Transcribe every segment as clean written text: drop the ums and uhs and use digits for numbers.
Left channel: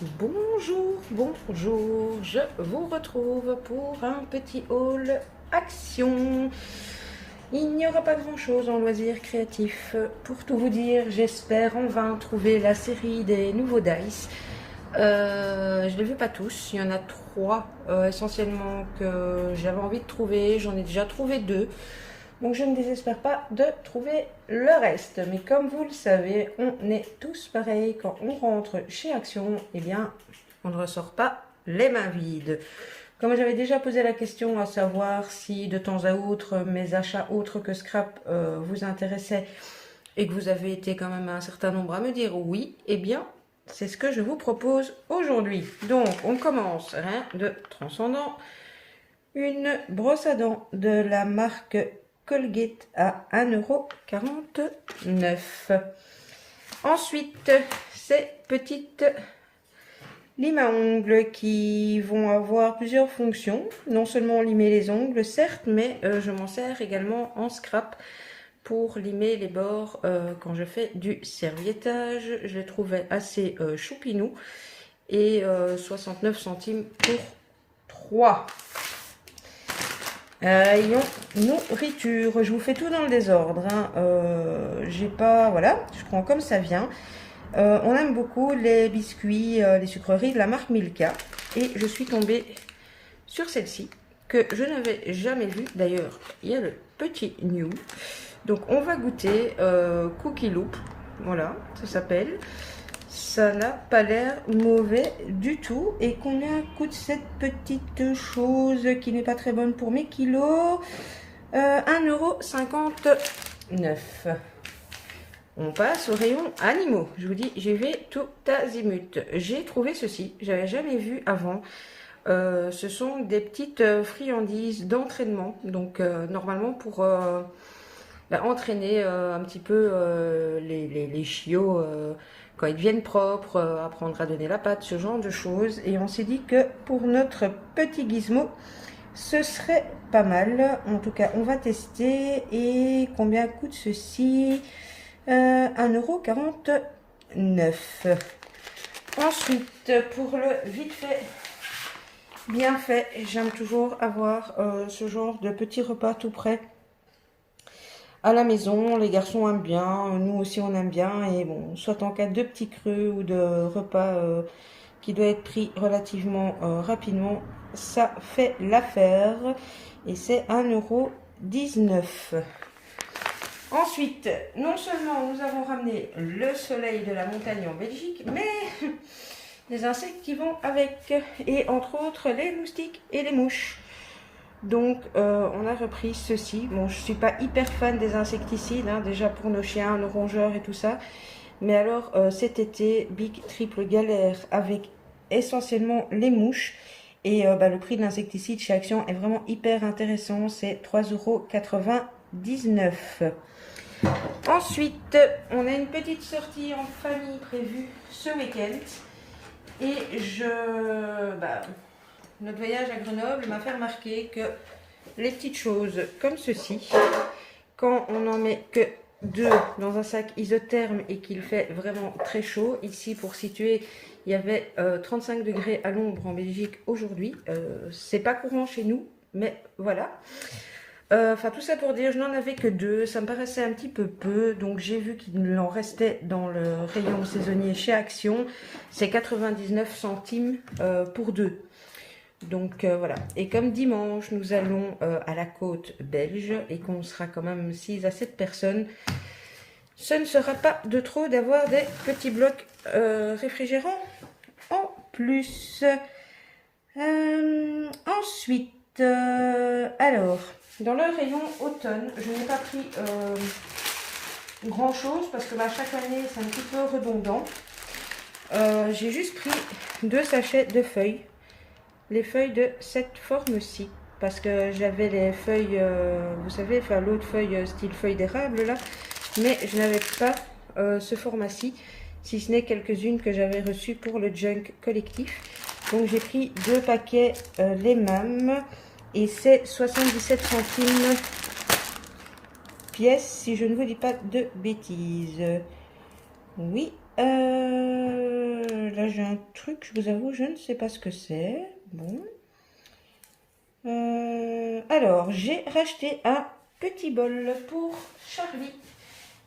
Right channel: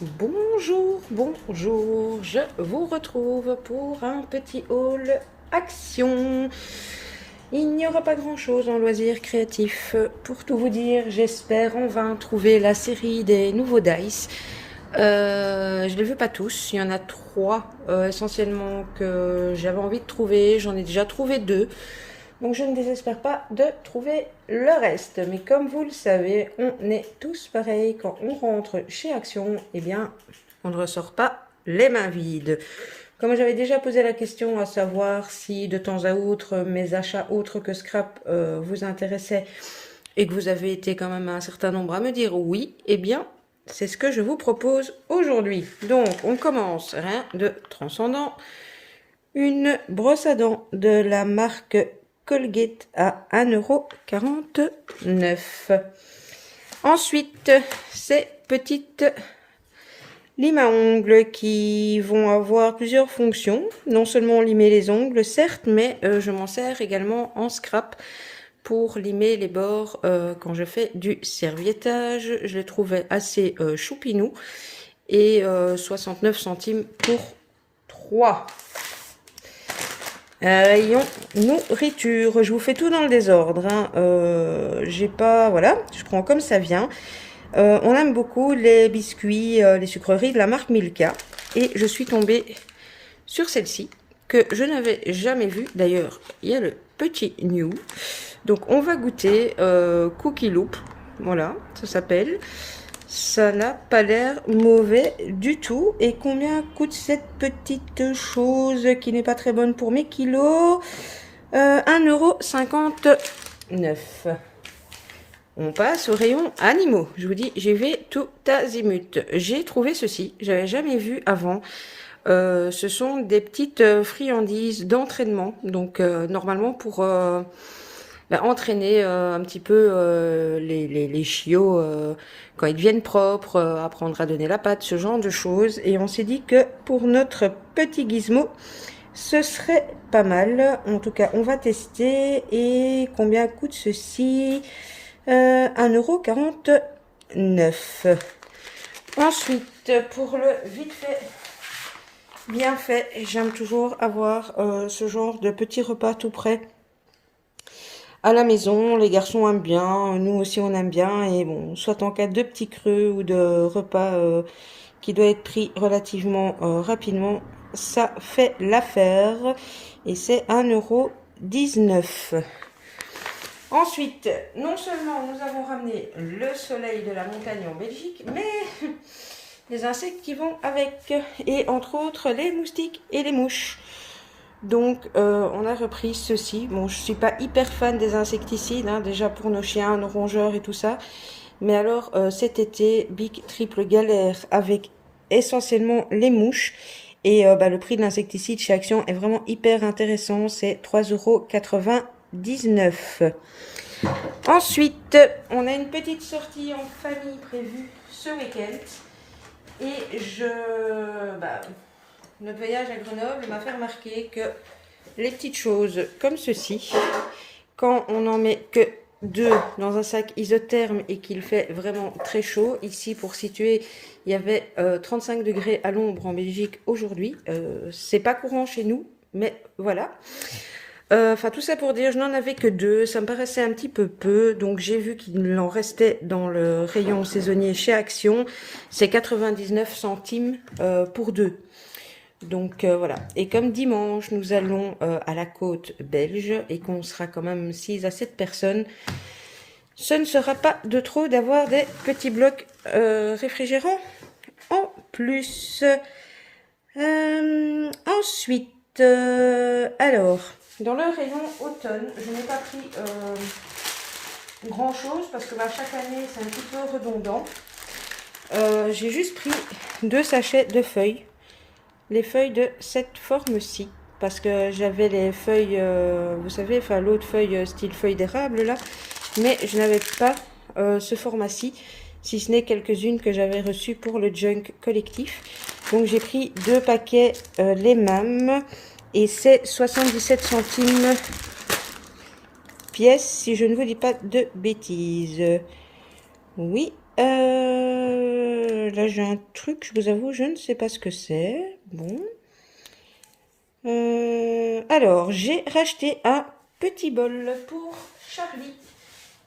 Bonjour, bonjour, je vous retrouve pour un petit haul action. Il n'y aura pas grand chose en loisirs créatifs. Pour tout vous dire, j'espère en vain trouver la série des nouveaux Dice. Je les veux pas tous, il y en a trois essentiellement que j'avais envie de trouver. J'en ai déjà trouvé deux. Donc je ne désespère pas de trouver le reste. Mais comme vous le savez, on est tous pareils. Quand on rentre chez Action, eh bien, on ne ressort pas les mains vides. Comme j'avais déjà posé la question à savoir si de temps à autre mes achats autres que scrap vous intéressaient et que vous avez été quand même un certain nombre à me dire oui, eh bien, c'est ce que je vous propose aujourd'hui. Donc, on commence, rien de transcendant. Une brosse à dents de la marque Colgate à 1,49 €. Ensuite, ces petites limes à ongles qui vont avoir plusieurs fonctions. Non seulement limer les ongles, certes, mais je m'en sers également en scrap pour limer les bords quand je fais du serviettage. Je les trouvais assez choupinous et 69 centimes pour 3. Rayon nourriture, je vous fais tout dans le désordre, hein. J'ai pas, voilà, je prends comme ça vient. On aime beaucoup les biscuits, les sucreries de la marque Milka, et je suis tombée sur celle-ci que je n'avais jamais vue. D'ailleurs, il y a le petit new. Donc on va goûter Cookie Loop, voilà, ça s'appelle. Ça n'a pas l'air mauvais du tout. Et combien coûte cette petite chose qui n'est pas très bonne pour mes kilos? 1,59 €. On passe au rayon animaux. Je vous dis, j'y vais tout azimut. J'ai trouvé ceci, j'avais jamais vu avant. Ce sont des petites friandises d'entraînement. Donc normalement pour entraîner un petit peu les chiots quand ils deviennent propres, apprendre à donner la patte, ce genre de choses. Et on s'est dit que pour notre petit gizmo, ce serait pas mal. En tout cas, on va tester. Et combien coûte ceci? 1,49 €. Ensuite, pour le vite fait, bien fait, j'aime toujours avoir ce genre de petit repas tout prêt à la maison. Les garçons aiment bien, nous aussi on aime bien, et bon, soit en cas de petits creux ou de repas qui doit être pris relativement rapidement, ça fait l'affaire, et c'est 1,19 €. Ensuite, non seulement nous avons ramené le soleil de la montagne en Belgique, mais les insectes qui vont avec, et entre autres les moustiques et les mouches. Donc on a repris ceci. Bon, je suis pas hyper fan des insecticides, hein, déjà pour nos chiens, nos rongeurs et tout ça. Mais alors cet été, big triple galère avec essentiellement les mouches. Et le prix de l'insecticide chez Action est vraiment hyper intéressant. C'est 3,99 €. Ensuite, on a une petite sortie en famille prévue ce week-end. Et notre voyage à Grenoble m'a fait remarquer que les petites choses comme ceci, quand on n'en met que 2 dans un sac isotherme et qu'il fait vraiment très chaud, ici pour situer, il y avait 35 degrés à l'ombre en Belgique aujourd'hui. C'est pas courant chez nous, mais voilà. Enfin, tout ça pour dire, je n'en avais que 2, ça me paraissait un petit peu, donc j'ai vu qu'il en restait dans le rayon saisonnier chez Action. C'est 99 centimes pour 2. Donc voilà. Et comme dimanche, nous allons à la côte belge et qu'on sera quand même 6 à 7 personnes, ce ne sera pas de trop d'avoir des petits blocs réfrigérants en plus. Ensuite, alors, dans le rayon automne, je n'ai pas pris grand chose parce que chaque année c'est un petit peu redondant. J'ai juste pris 2 sachets de feuilles. Les feuilles de cette forme-ci, parce que j'avais les feuilles, vous savez, enfin l'autre feuille style feuille d'érable là, mais je n'avais pas ce format-ci, si ce n'est quelques-unes que j'avais reçues pour le junk collectif. Donc j'ai pris 2 paquets les mêmes, et c'est 77 centimes pièce, si je ne vous dis pas de bêtises. Oui, là, j'ai un truc, je vous avoue, je ne sais pas ce que c'est. Bon. Alors, j'ai racheté un petit bol pour Charlie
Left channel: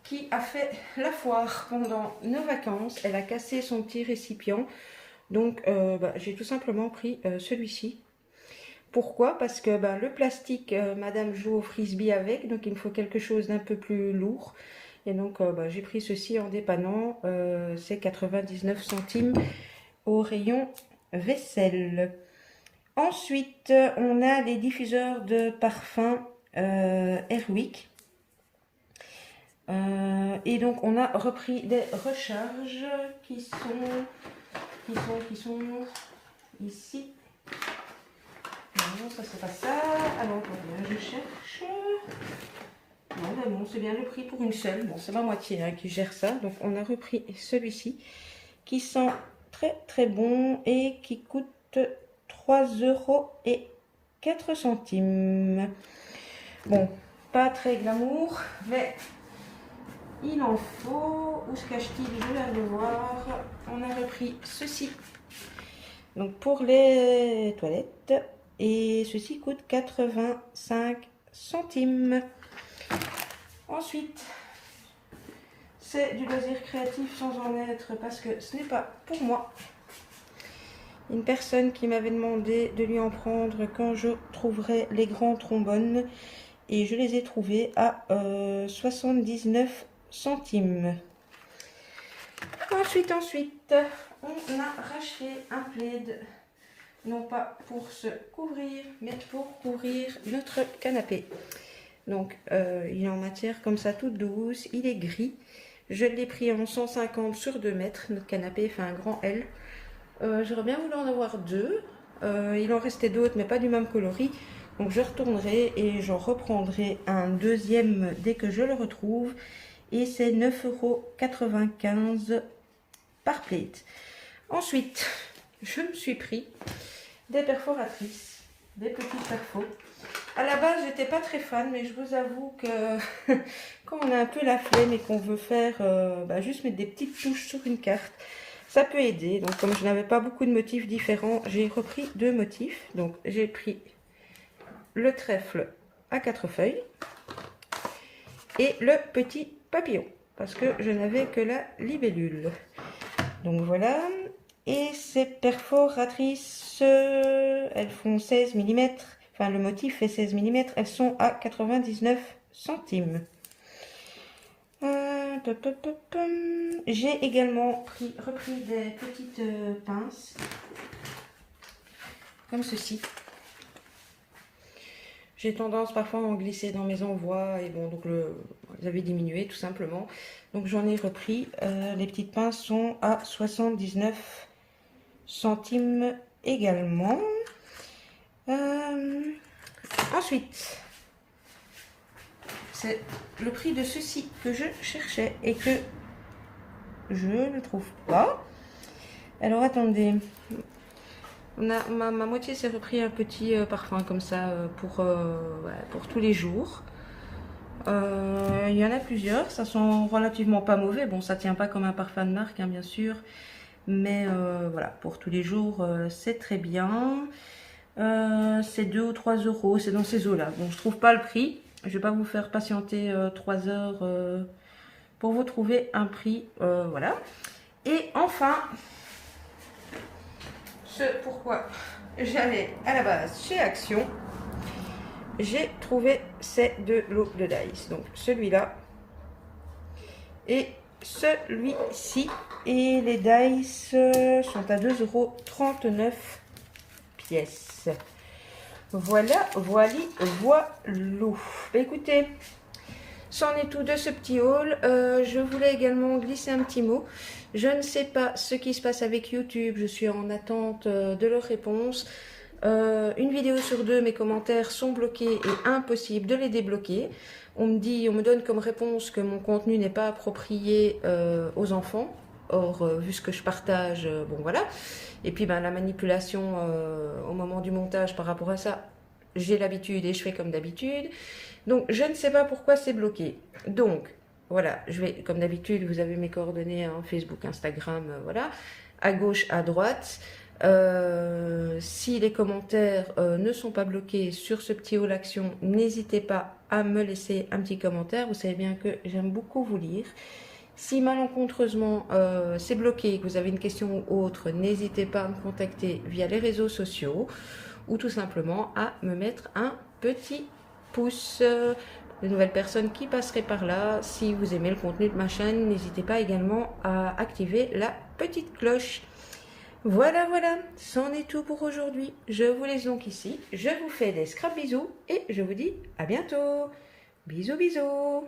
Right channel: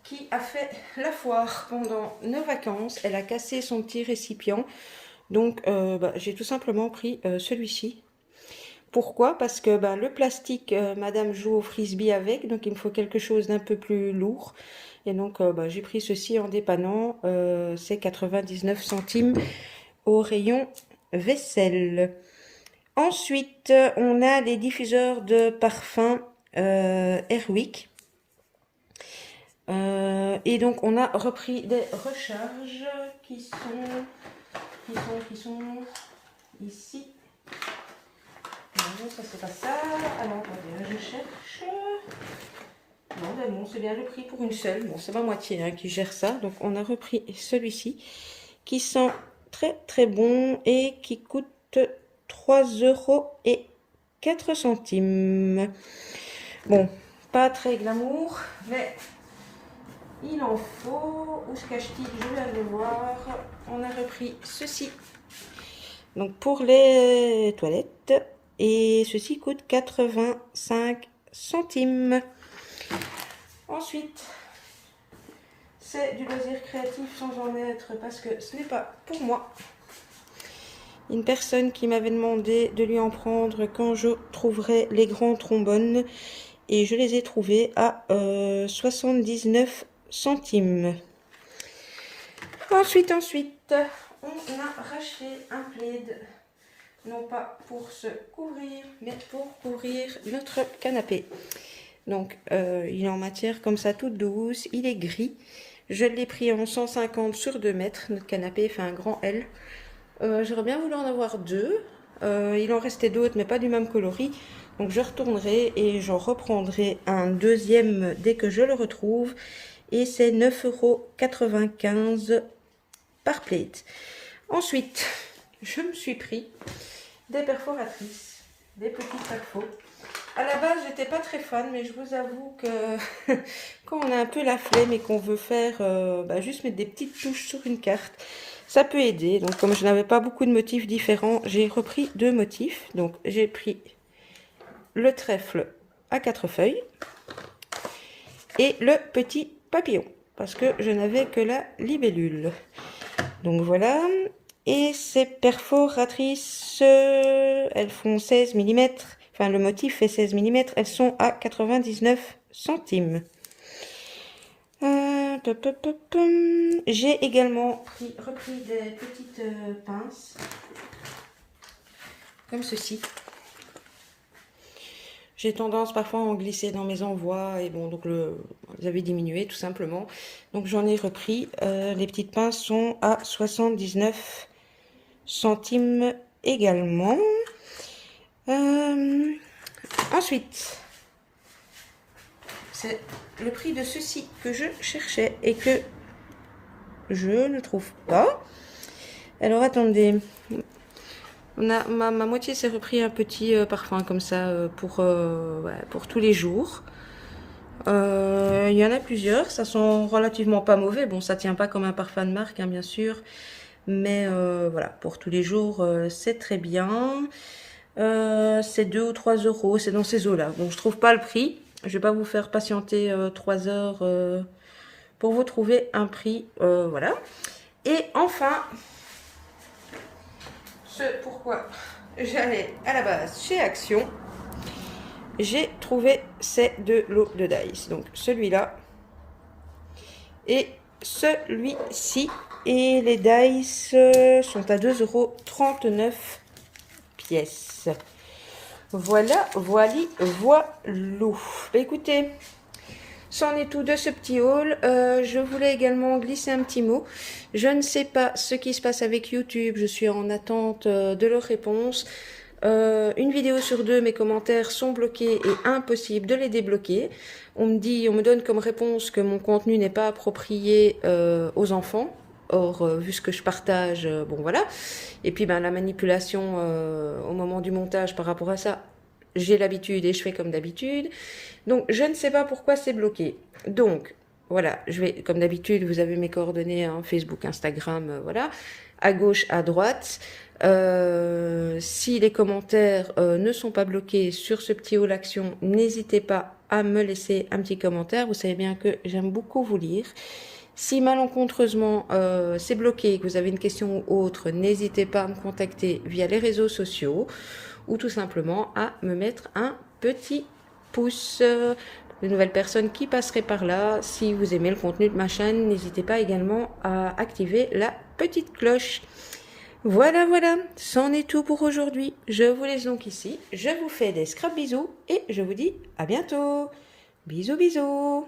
qui a fait la foire pendant nos vacances. Elle a cassé son petit récipient. Donc, j'ai tout simplement pris celui-ci. Pourquoi? Parce que le plastique, madame joue au frisbee avec, donc il me faut quelque chose d'un peu plus lourd. Et donc, j'ai pris ceci en dépannant. C'est 99 centimes au rayon vaisselle. Ensuite, on a les diffuseurs de parfum Airwick. Et donc, on a repris des recharges qui sont ici. Non, ça c'est pas ça. Alors, attendez, je cherche. Non, c'est bien le prix pour une seule. Bon, c'est ma moitié qui gère ça. Donc, on a repris celui-ci qui sent très très bon et qui coûte 3,04 €. Bon, pas très glamour, mais il en faut. Où se cache-t-il? Je vais le voir. On a repris ceci. Donc, pour les toilettes. Et ceci coûte 85 centimes. Ensuite, c'est du loisir créatif sans en être parce que ce n'est pas pour moi. Une personne qui m'avait demandé de lui en prendre quand je trouverais les grands trombones. Et je les ai trouvés à 79 centimes. Ensuite, on a racheté un plaid. Non pas pour se couvrir, mais pour couvrir notre canapé. Donc, il est en matière comme ça, toute douce. Il est gris. Je l'ai pris en 150 sur 2 mètres. Notre canapé fait un grand L. J'aurais bien voulu en avoir 2. Il en restait d'autres, mais pas du même coloris. Donc, je retournerai et j'en reprendrai un deuxième dès que je le retrouve. Et c'est 9,95 € par plate. Ensuite, je me suis pris des perforatrices, des petits perfos. À la base, j'étais pas très fan, mais je vous avoue que quand on a un peu la flemme et qu'on veut faire juste mettre des petites touches sur une carte, ça peut aider. Donc, comme je n'avais pas beaucoup de motifs différents, j'ai repris 2 motifs. Donc, j'ai pris le trèfle à 4 feuilles et le petit papillon, parce que je n'avais que la libellule. Donc, voilà. Et ces perforatrices, elles font 16 mm. Enfin, le motif fait 16 mm. Elles sont à 99 centimes. J'ai également repris des petites pinces. Comme ceci. J'ai tendance parfois à en glisser dans mes envois. Et bon, donc vous avez diminué tout simplement. Donc j'en ai repris. Les petites pinces sont à 79 centimes également. Ensuite, c'est le prix de ceci que je cherchais et que je ne trouve pas. Alors attendez, on a, ma moitié s'est repris un petit parfum comme ça pour tous les jours. Il y en a plusieurs, ça sent relativement pas mauvais. Bon, ça tient pas comme un parfum de marque, bien sûr. Mais voilà, pour tous les jours, c'est très bien. C'est 2 ou 3 €, c'est dans ces eaux-là. Donc je trouve pas le prix. Je vais pas vous faire patienter 3 heures pour vous trouver un prix. Voilà. Et enfin, ce pourquoi j'allais à la base chez Action, j'ai trouvé ces 2 lots de dice. Donc celui-là et celui-ci. Et les dice sont à 2,39 € pièces. Voilà, voilou. Écoutez, c'en est tout de ce petit haul. Je voulais également glisser un petit mot. Je ne sais pas ce qui se passe avec YouTube. Je suis en attente de leur réponse. Une vidéo sur 2, mes commentaires sont bloqués et impossible de les débloquer. On me donne comme réponse que mon contenu n'est pas approprié aux enfants. Or, vu ce que je partage, bon voilà. Et puis la manipulation au moment du montage par rapport à ça, j'ai l'habitude et je fais comme d'habitude. Donc, je ne sais pas pourquoi c'est bloqué. Donc, voilà, je vais, comme d'habitude, vous avez mes coordonnées, Facebook, Instagram, voilà. à gauche, à droite. Si les commentaires ne sont pas bloqués sur ce petit haut l'action, n'hésitez pas à me laisser un petit commentaire. Vous savez bien que j'aime beaucoup vous lire. Si malencontreusement c'est bloqué et que vous avez une question ou autre, n'hésitez pas à me contacter via les réseaux sociaux ou tout simplement à me mettre un petit pouce. De nouvelles personnes qui passeraient par là, si vous aimez le contenu de ma chaîne, n'hésitez pas également à activer la petite cloche. Voilà, voilà, c'en est tout pour aujourd'hui. Je vous laisse donc ici. Je vous fais des scrap bisous et je vous dis à bientôt. Bisous, bisous.